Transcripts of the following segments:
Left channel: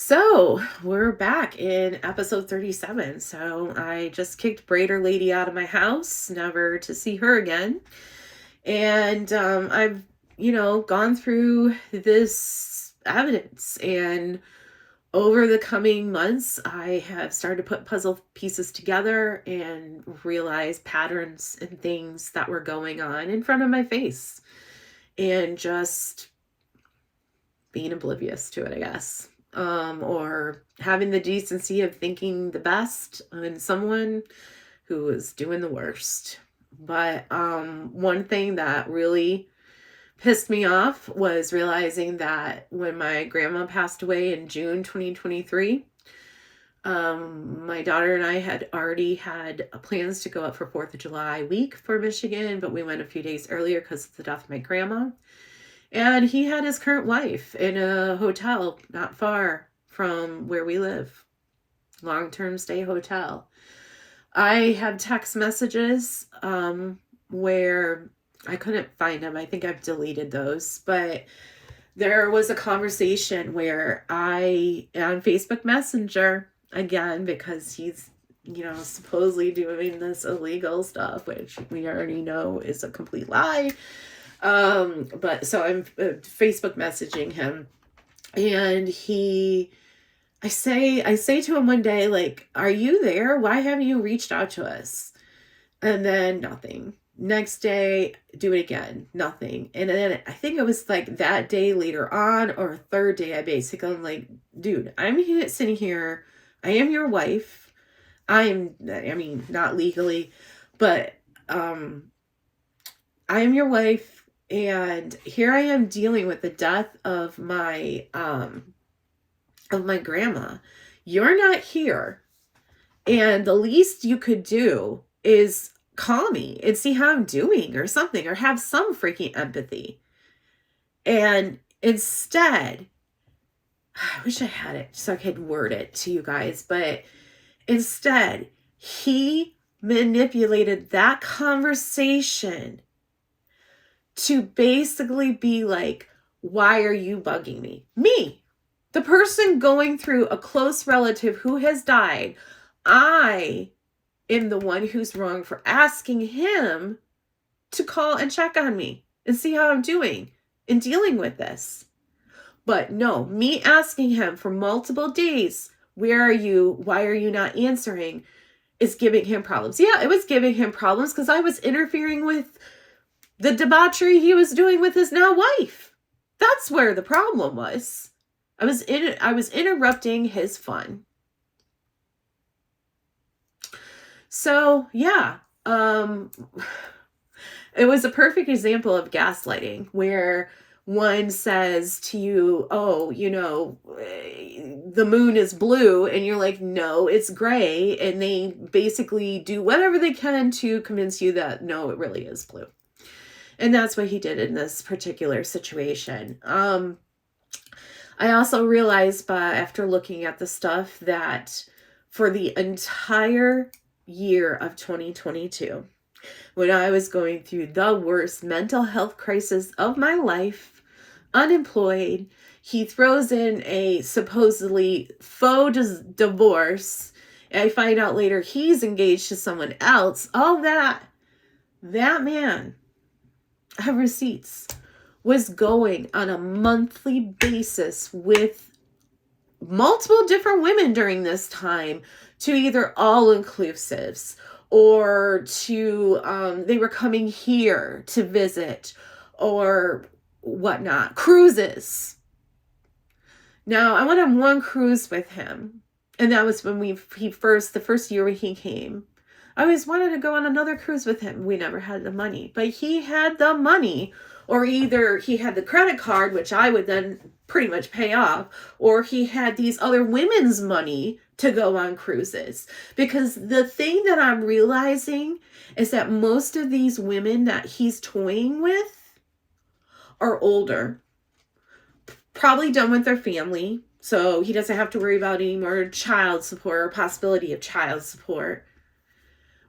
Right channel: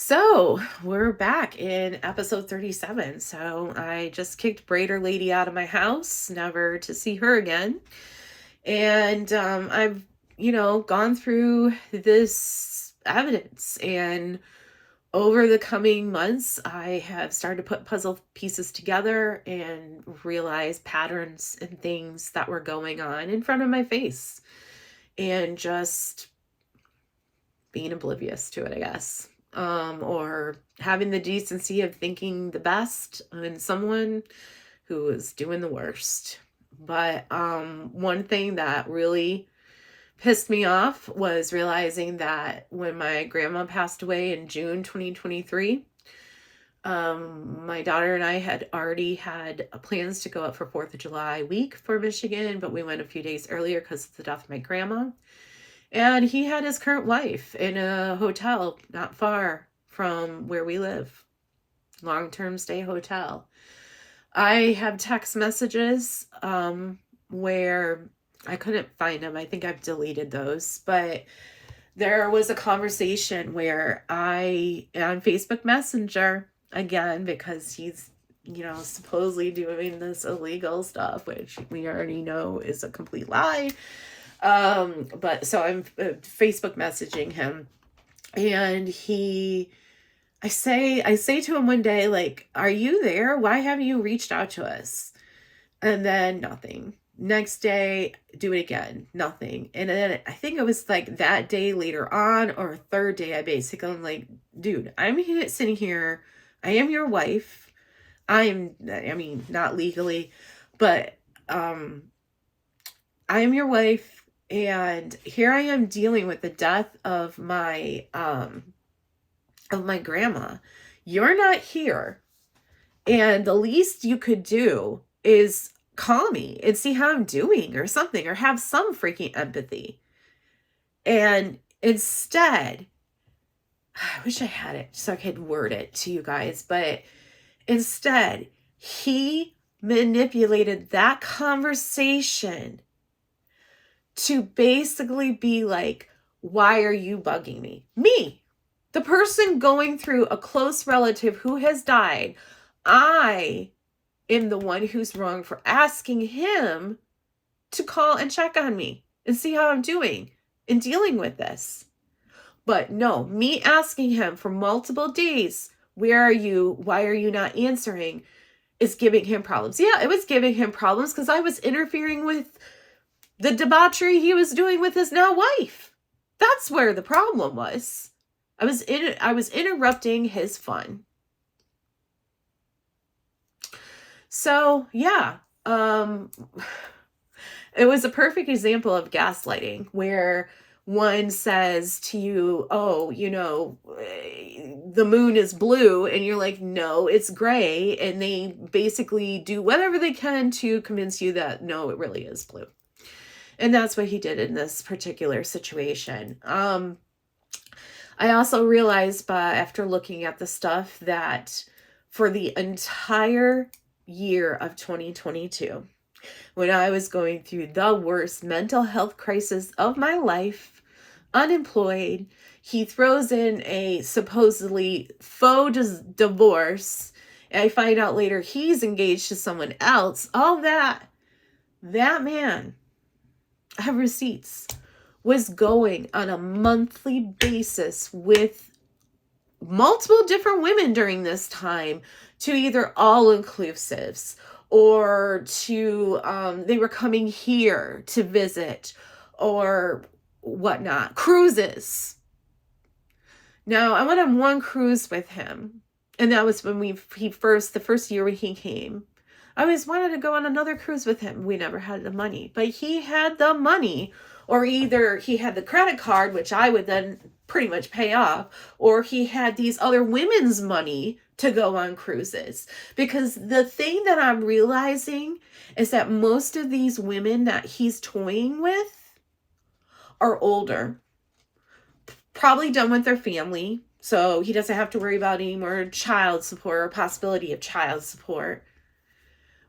So we're back in episode 37. So I just kicked Braider Lady out of my house, never to see her again. And I've, gone through this evidence. And over the coming months, I have started to put puzzle pieces together and realize patterns and things that were going on in front of my face. And just being oblivious to it, I guess. Or having the decency of thinking the best in someone who is doing the worst. But one thing that really pissed me off was realizing that when my grandma passed away in June 2023, my daughter and I had already had plans to go up for 4th of July week for Michigan, but we went a few days earlier because of the death of my grandma. And he had his current wife in a hotel not far from where we live. Long-term stay hotel. I have text messages where I couldn't find them. I think I've deleted those. But there was a conversation where on Facebook Messenger, again, because he's, supposedly doing this illegal stuff, which we already know is a complete lie. But so I'm Facebook messaging him, and I say to him one day, like, are you there? Why haven't you reached out to us? And then nothing. Next day, do it again, nothing. And then I think it was like that day later on, or third day, I'm like, dude, I'm here sitting here. I am your wife. Not legally, but, I am your wife. And here I am dealing with the death of my grandma. You're not here. And the least you could do is call me and see how I'm doing or something, or have some freaking empathy. And instead, I wish I had it so I could word it to you guys, but instead, he manipulated that conversation to basically be like, why are you bugging me? Me, the person going through a close relative who has died. I am the one who's wrong for asking him to call and check on me and see how I'm doing in dealing with this. But no, me asking him for multiple days, where are you? Why are you not answering? Is giving him problems. Yeah, it was giving him problems because I was interfering with the debauchery he was doing with his now wife. That's where the problem was. I was interrupting his fun. So yeah, it was a perfect example of gaslighting, where one says to you, oh, the moon is blue, and you're like, no, it's gray, and they basically do whatever they can to convince you that no, it really is blue. And that's what he did in this particular situation. I also realized after looking at the stuff that for the entire year of 2022, when I was going through the worst mental health crisis of my life, unemployed, he throws in a supposedly faux divorce. I find out later he's engaged to someone else. All that man, I have receipts, was going on a monthly basis with multiple different women during this time to either all-inclusives or to, they were coming here to visit or whatnot, cruises. Now, I went on one cruise with him, and that was when the first year when he came. I always wanted to go on another cruise with him. We never had the money, but he had the money, or either he had the credit card, which I would then pretty much pay off, or he had these other women's money to go on cruises. Because the thing that I'm realizing is that most of these women that he's toying with are older, probably done with their family, so he doesn't have to worry about any more child support or possibility of child support.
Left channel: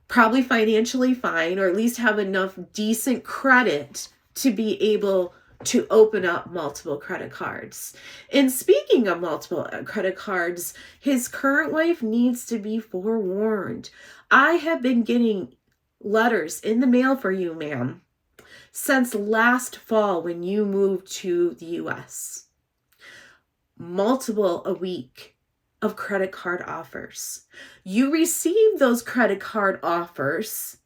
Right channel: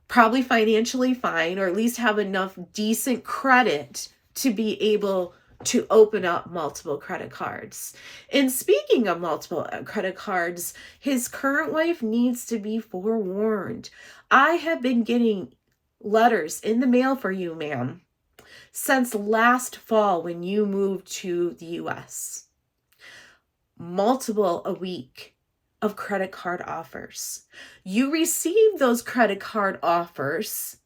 Probably financially fine, or at least have enough decent credit to be able to open up multiple credit cards. And speaking of multiple credit cards, his current wife needs to be forewarned. I have been getting letters in the mail for you, ma'am, since last fall when you moved to the US. Multiple a week of credit card offers. You receive those credit card offers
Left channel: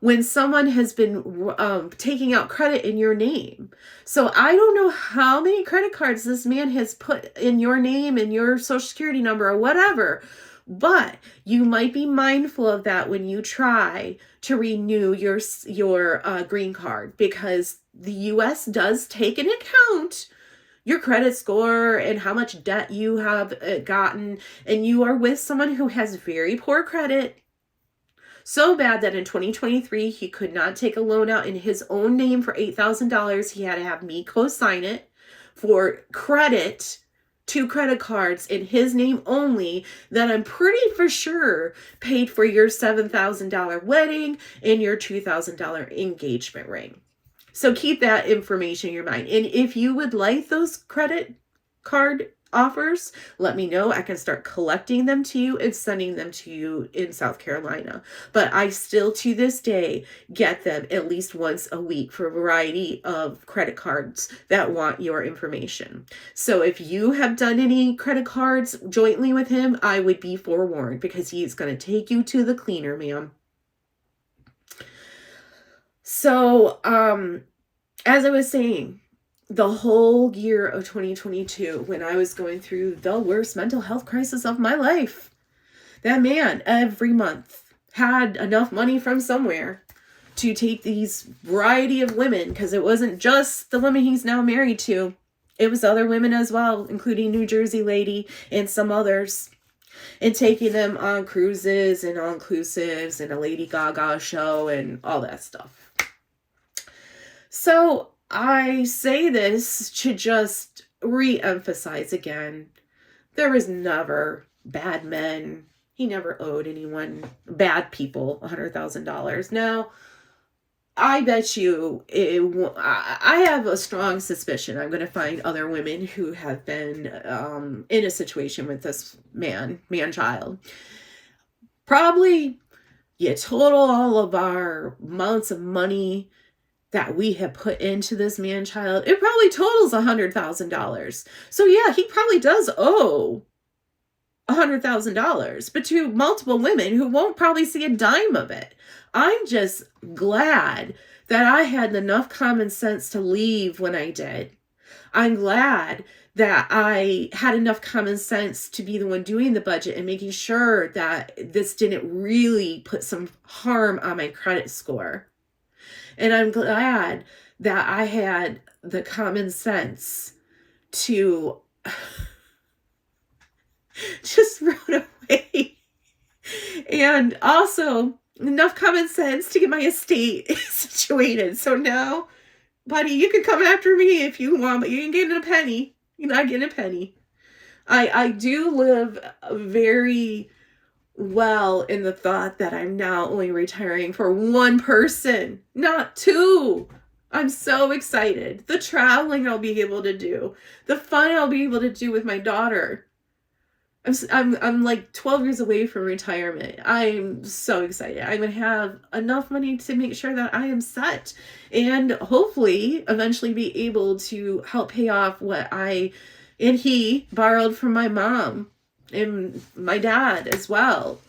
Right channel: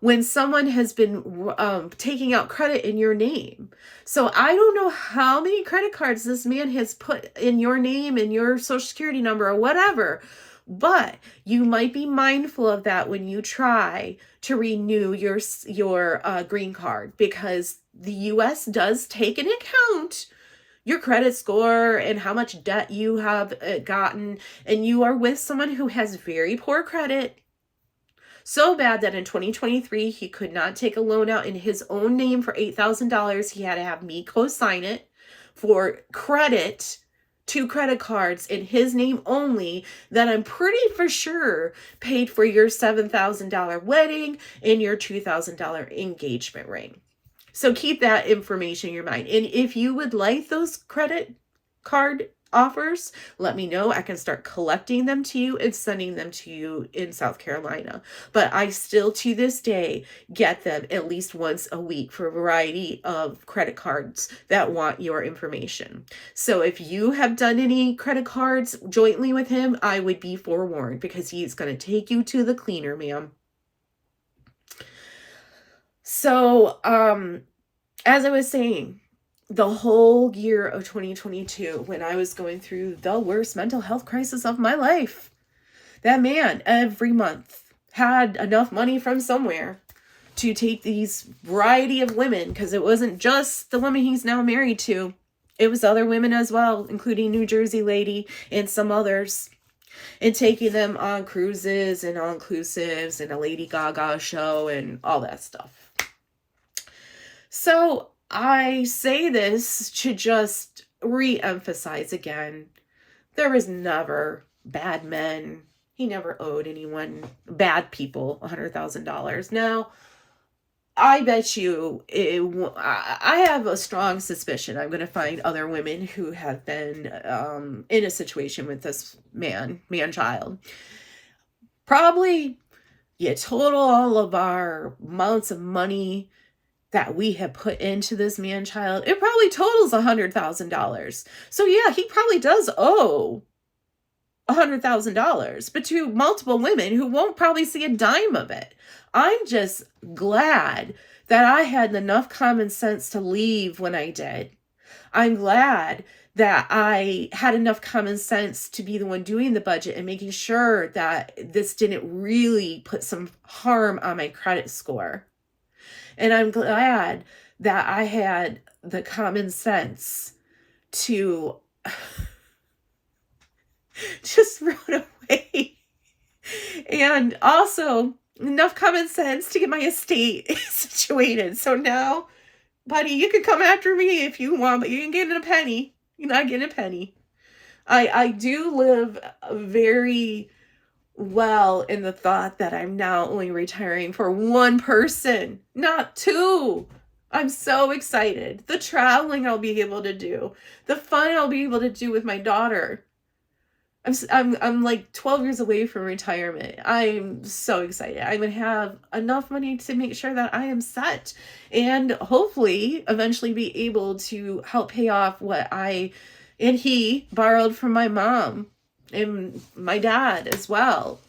when someone has been taking out credit in your name. So I don't know how many credit cards this man has put in your name and your social security number or whatever, but you might be mindful of that when you try to renew your green card, because the US does take into account your credit score and how much debt you have gotten, and you are with someone who has very poor credit. So bad that in 2023, he could not take a loan out in his own name for $8,000. He had to have me co-sign it for credit, 2 credit cards in his name only, that I'm pretty for sure paid for your $7,000 wedding and your $2,000 engagement ring. So keep that information in your mind. And if you would like those credit card offers, let me know. I can start collecting them to you and sending them to you in South Carolina. But I still, to this day, get them at least once a week for a variety of credit cards that want your information. So if you have done any credit cards jointly with him, I would be forewarned, because he's going to take you to the cleaner, ma'am. So, as I was saying, the whole year of 2022, when I was going through the worst mental health crisis of my life, that man every month had enough money from somewhere to take these variety of women, because it wasn't just the woman he's now married to. It was other women as well, including New Jersey lady and some others, and taking them on cruises and all-inclusives and a Lady Gaga show and all that stuff. So I say this to just re-emphasize again, there was never bad men. He never owed anyone, bad people, $100,000. Now, I bet you, I have a strong suspicion I'm going to find other women who have been in a situation with this man-child. Probably, you total all of our amounts of money that we have put into this man-child, it probably totals $100,000. So yeah, he probably does owe $100,000, but to multiple women who won't probably see a dime of it. I'm just glad that I had enough common sense to leave when I did. I'm glad that I had enough common sense to be the one doing the budget and making sure that this didn't really put some harm on my credit score. And I'm glad that I had the common sense to just run away. And also enough common sense to get my estate situated. So now, buddy, you can come after me if you want, but you ain't getting a penny. You're not getting a penny. I do live very well in the thought that I'm now only retiring for one person, not 2. I'm so excited. The traveling I'll be able to do, the fun I'll be able to do with my daughter. I'm like 12 years away from retirement. I'm so excited. I'm going to have enough money to make sure that I am set, and hopefully eventually be able to help pay off what he borrowed from my mom and my dad as well.